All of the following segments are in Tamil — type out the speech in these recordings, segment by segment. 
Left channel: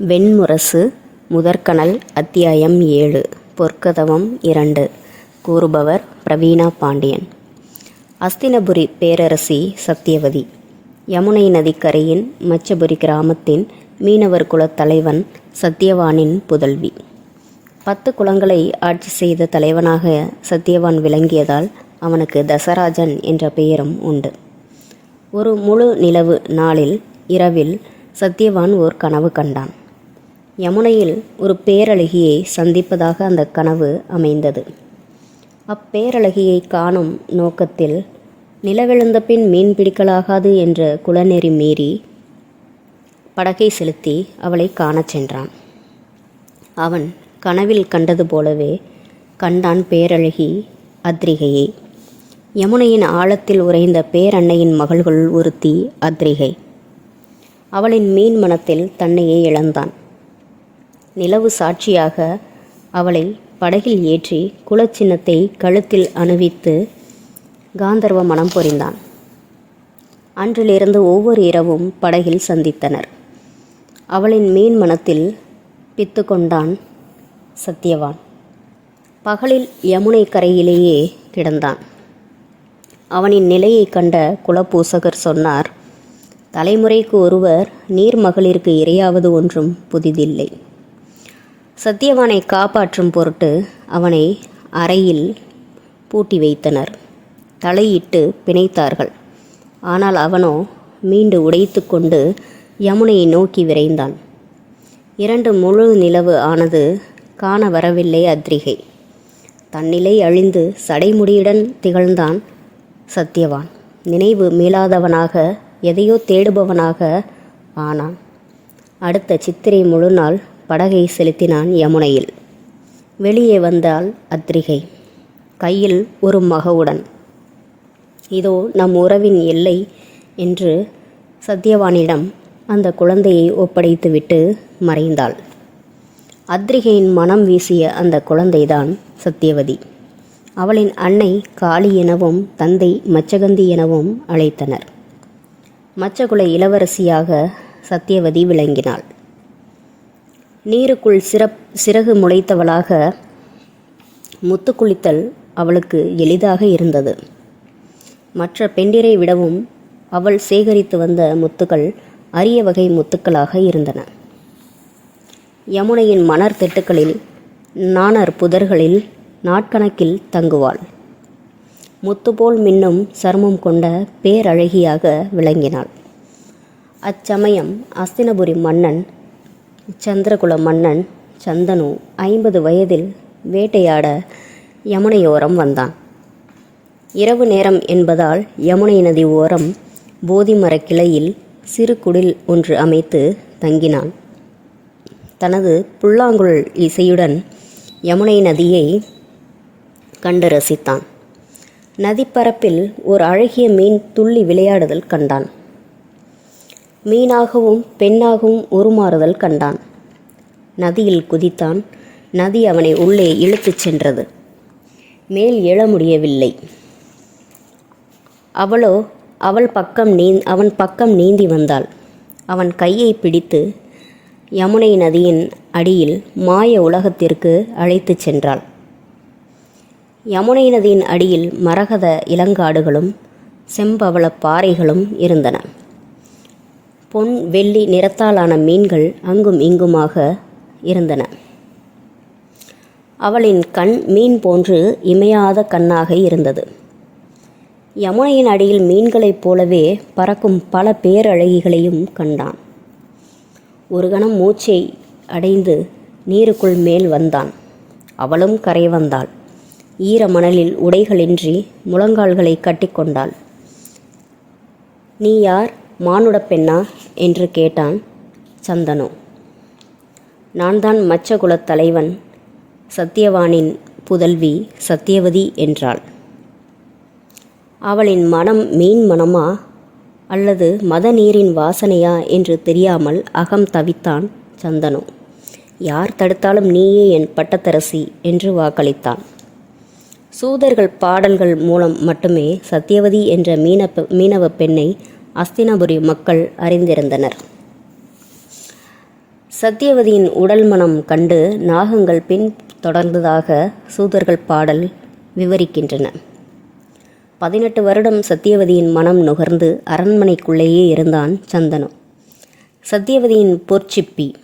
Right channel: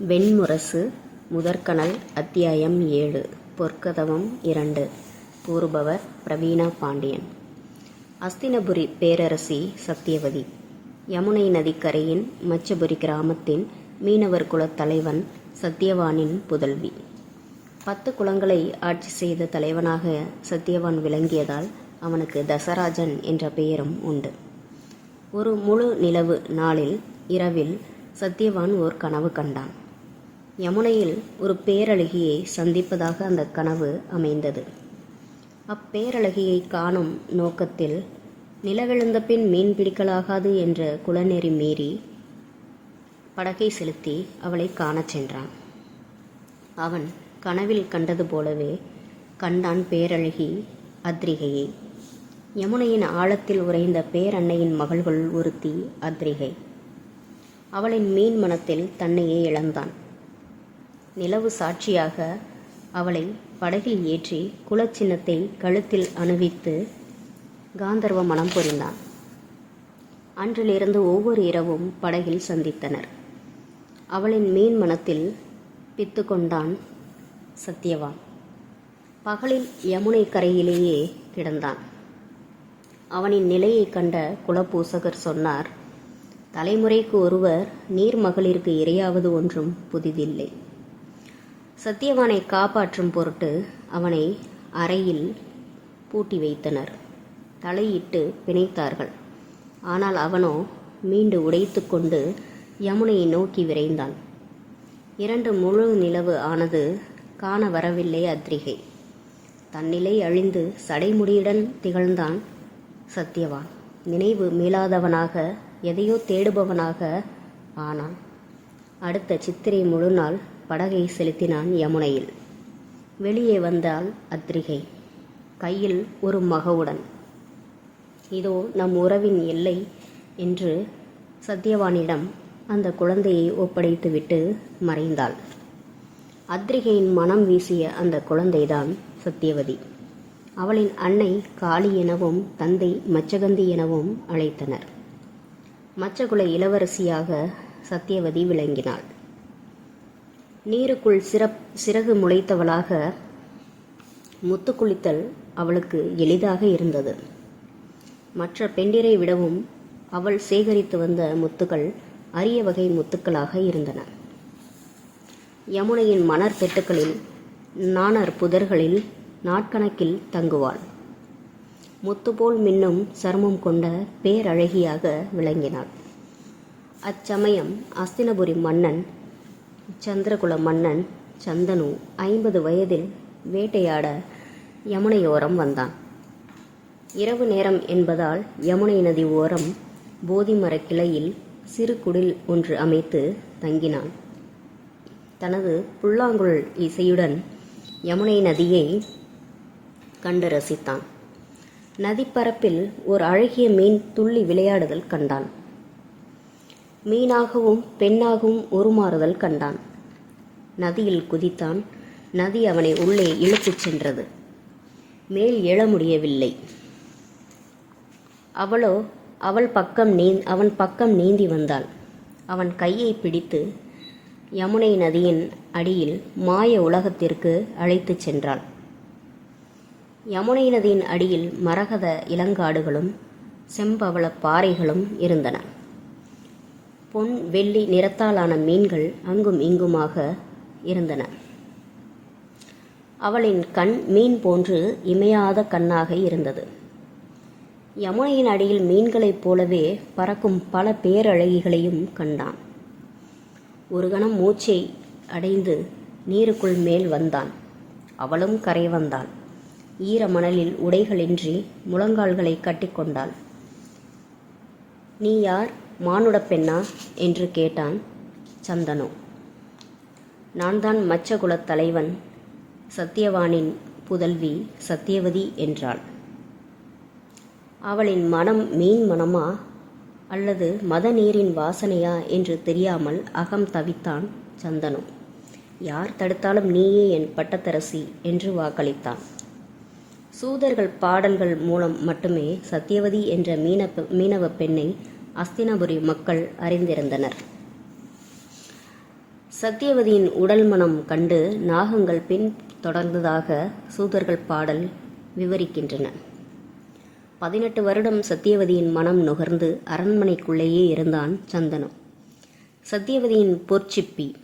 வெண்முரசு முதற்கனல் அத்தியாயம் ஏழு பொற்கதவம் இரண்டு கூறுபவர் பிரவீணா பாண்டியன். அஸ்தினபுரி பேரரசி சத்தியவதி யமுனை நதிக்கரையின் மச்சபுரி கிராமத்தின் மீனவர் குலத் தலைவன் சத்தியவானின் புதல்வி. பத்து குலங்களை ஆட்சி செய்த தலைவனாக சத்தியவான் விளங்கியதால் அவனுக்கு தசராஜன் என்ற பெயரும் உண்டு. ஒரு முழு நிலவு நாளில் இரவில் சத்தியவான் ஓர் கனவு கண்டான். யமுனையில் ஒரு பேரழகியை சந்திப்பதாக அந்த கனவு அமைந்தது. அப்பேரழகியை காணும் நோக்கத்தில் நிலவிழுந்த பின் மீன் பிடிக்கலாகாது என்ற குலநெறி மீறி படகை செலுத்தி அவளை காணச் சென்றான். அவன் கனவில் கண்டது போலவே கண்டான் பேரழகி அத்ரிகையை. யமுனையின் ஆழத்தில் உறைந்த பேரன்னையின் மகள்கள் ஒருத்தி அத்ரிகை. அவளின் மீன் மனத்தில் தன்னையே இழந்தான். நிலவு சாட்சியாக அவளை படகில் ஏற்றி குலச்சின்னத்தை கழுத்தில் அணிவித்து காந்தர்வ மனம் புரிந்தான் அன்றிலிருந்து ஒவ்வொரு இரவும் படகில் சந்தித்தனர். அவளின் மீன் மனத்தில் பித்து கொண்டான் சத்யவான். பகலில் யமுனை கரையிலேயே கிடந்தான். அவனின் நிலையை கண்ட குலப்பூசகர் சொன்னார் தலைமுறைக்கு ஒருவர் நீர்மகளிற்கு இரையாவது ஒன்றும் புதிதில்லை. சத்தியவானை காப்பாற்றும் பொருட்டு அவனை அறையில் பூட்டி வைத்தனர். தலையிட்டு பிணைத்தார்கள். ஆனால் அவனோ மீண்டு உடைத்து கொண்டு யமுனையை நோக்கி விரைந்தான். இரண்டு முழு நிலவு ஆனது காண வரவில்லை அத்ரிகை. தன்னிலை அழிந்து சடைமுடியுடன் திகழ்ந்தான் சத்தியவான். நினைவு மீளாதவனாக எதையோ தேடுபவனாக ஆனான். அடுத்த சித்திரை முழு நாள் படகை செலுத்தினான் யமுனையில். வெளியே வந்தால் அத்ரிகை. கையில் ஒரு மகவுடன் இதோ நம் உறவின் எல்லை என்று சத்யவானிடம் அந்த குழந்தையை ஒப்படைத்துவிட்டு மறைந்தாள். அத்ரிகையின் மனம் வீசிய அந்த குழந்தைதான் சத்யவதி. அவளின் அன்னை காளி எனவும் தந்தை மச்சகந்தி எனவும் அழைத்தனர். மச்சகுல இளவரசியாக சத்யவதி விளங்கினாள். நீருக்குள் சிறப் சிறகு முளைத்தவளாக முத்து குளித்தல் அவளுக்கு எளிதாக இருந்தது. மற்ற பெண்டிரை விடவும் அவள் சேகரித்து வந்த முத்துக்கள் அரிய வகை முத்துக்களாக இருந்தன. யமுனையின் மணர் திட்டுக்களில் நாணர் புதர்களில் நாட்கணக்கில் தங்குவாள். முத்துபோல் மின்னும் சருமம் கொண்ட பேரழகியாக விளங்கினாள். அச்சமயம் அஸ்தினபுரி மன்னன் சந்திரகுல மன்னன் சந்தனு ஐம்பது வயதில் வேட்டையாட யமுனையோரம் வந்தான். இரவு நேரம் என்பதால் யமுனை நதி ஓரம் போதிமர கிளையில் சிறு குடில் ஒன்று அமைத்து தங்கினான். தனது புல்லாங்குழல் இசையுடன் யமுனை நதியை கண்டு ரசித்தான். நதிப்பரப்பில் ஒரு அழகிய மீன் துள்ளி விளையாடுதல் கண்டான். மீனாகவும் பெண்ணாகவும் உருமாறுதல் கண்டான். நதியில் குதித்தான். நதி அவனை உள்ளே இழுத்துச் சென்றது. மேல் எழ முடியவில்லை. அவளோ அவள் பக்கம் நீ அவன் பக்கம் நீந்தி வந்தாள். அவன் கையை பிடித்து யமுனை நதியின் அடியில் மாய உலகத்திற்கு அழைத்துச் சென்றாள். யமுனை நதியின் அடியில் மரகத இளங்காடுகளும் செம்பவள பாறைகளும் இருந்தன. பொன் வெள்ளி நிறத்தாலான மீன்கள் அங்கும் இங்குமாக இருந்தன. அவளின் கண் மீன் போன்று இமையாத கண்ணாக இருந்தது. யமுனையின் அடியில் மீன்களைப் போலவே பறக்கும் பல பேரழகிகளையும் கண்டான். ஒரு கணம் மூச்சை அடைந்து நீருக்குள் மேல் வந்தான். அவளும் கரை வந்தாள். ஈர மணலில் உடைகளின்றி முழங்கால்களை கட்டிக்கொண்டாள் நீ யார்? மானுட பெண்ணா என்று கேட்டான் சந்தனு. நான் தான் மச்சகுலத் தலைவன் சத்தியவானின் புதல்வி சத்தியவதி என்றாள். அவளின் மனம் மீன் மனமா அல்லது மத நீரின் வாசனையா என்று தெரியாமல் அகம் தவித்தான் சந்தனு. யார் தடுத்தாலும் நீயே என் பட்டத்தரசி என்று வாக்களித்தான். சூதர்கள் பாடல்கள் மூலம் மட்டுமே சத்தியவதி என்ற மீனப்ப மீனவ பெண்ணை அஸ்தினபுரி மக்கள் அறிந்திருந்தனர். சத்தியவதியின் உடல் மனம் கண்டு நாகங்கள் பின் தொடர்ந்ததாக சூதர்கள் பாடல் விவரிக்கின்றன. பதினெட்டு வருடம் சத்தியவதியின் மனம் நுகர்ந்து அரண்மனைக்குள்ளேயே இருந்தான் சந்தனு. சத்தியவதியின் பொற்சிப்பி.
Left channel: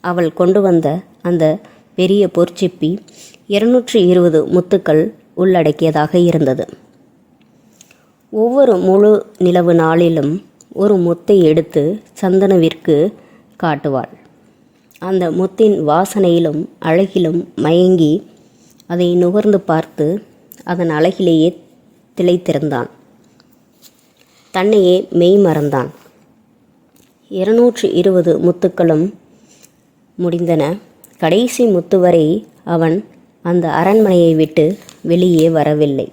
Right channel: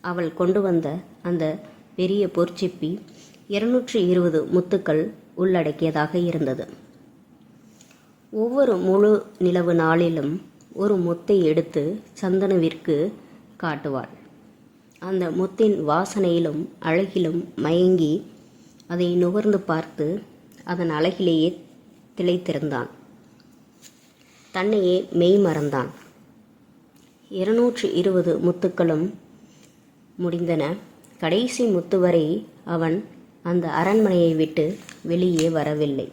அவள் கொண்டு வந்த அந்த பெரிய பொற்சிப்பி இருநூற்றி இருபது முத்துக்கள் உள்ளடக்கியதாக இருந்தது. ஒவ்வொரு முழு நிலவு நாளிலும் ஒரு முத்தை எடுத்து சந்தனவிற்கு காட்டுவாள். அந்த முத்தின் வாசனையிலும் அழகிலும் மயங்கி அதை நுகர்ந்து பார்த்து அதன் அழகிலேயே திளைத்திருந்தான். தன்னையே மெய் மறந்தான். இருநூற்று இருபது முத்துக்களும் முடிந்தன. கடைசி முத்து வரை அவன் அந்த அரண்மனையை விட்டு வெளியே வரவில்லை.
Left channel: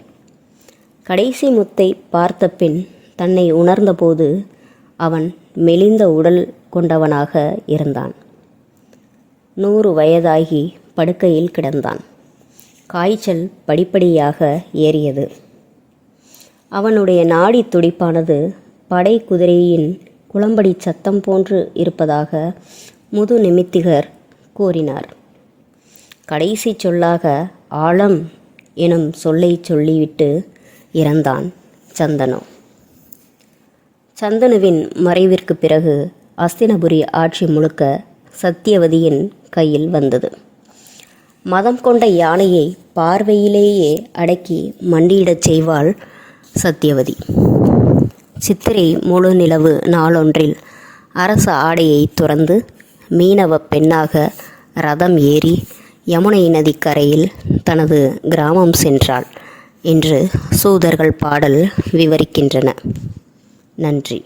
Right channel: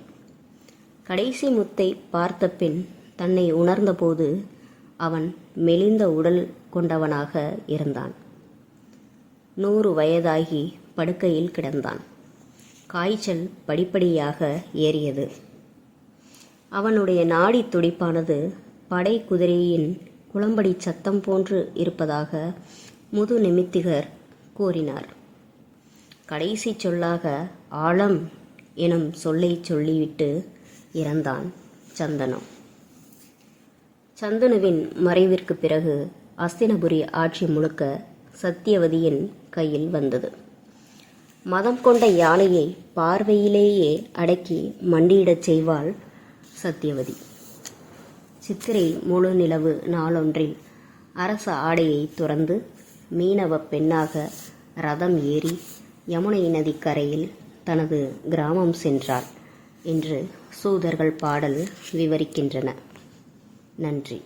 கடைசி முத்தை பார்த்த பின் தன்னை உணர்ந்தபோது அவன் மெலிந்த உடல் கொண்டவனாக இருந்தான். நூறு வயதாகி படுக்கையில் கிடந்தான். காய்ச்சல் படிப்படியாக ஏறியது. அவனுடைய நாடி துடிப்பானது படை குதிரையின் குளம்படி சத்தம் போன்று இருப்பதாக முது நிமித்திகர் கூறினார். கடைசி சொல்லாக ஆழம் எனும் சொல்லை சொல்லிவிட்டு இறந்தான் சந்தனு. சந்தனுவின் மறைவிற்கு பிறகு அஸ்தினபுரி ஆட்சி முழுக்க சத்தியவதியின் கையில் வந்தது. மதம் கொண்ட யானையை பார்வையிலேயே அடக்கி மண்டியிடச் செய்வாள் சத்தியவதி. சித்திரை முழு நிலவு நாளொன்றில் அரச ஆடையை துறந்து மீனவ பெண்ணாக ரதம் ஏறி யமுனை நதிக்கரையில் தனது கிராமம் சென்றாள். என்று சூதர்கள் பாடல் விவரிக்கின்றன. நன்றி.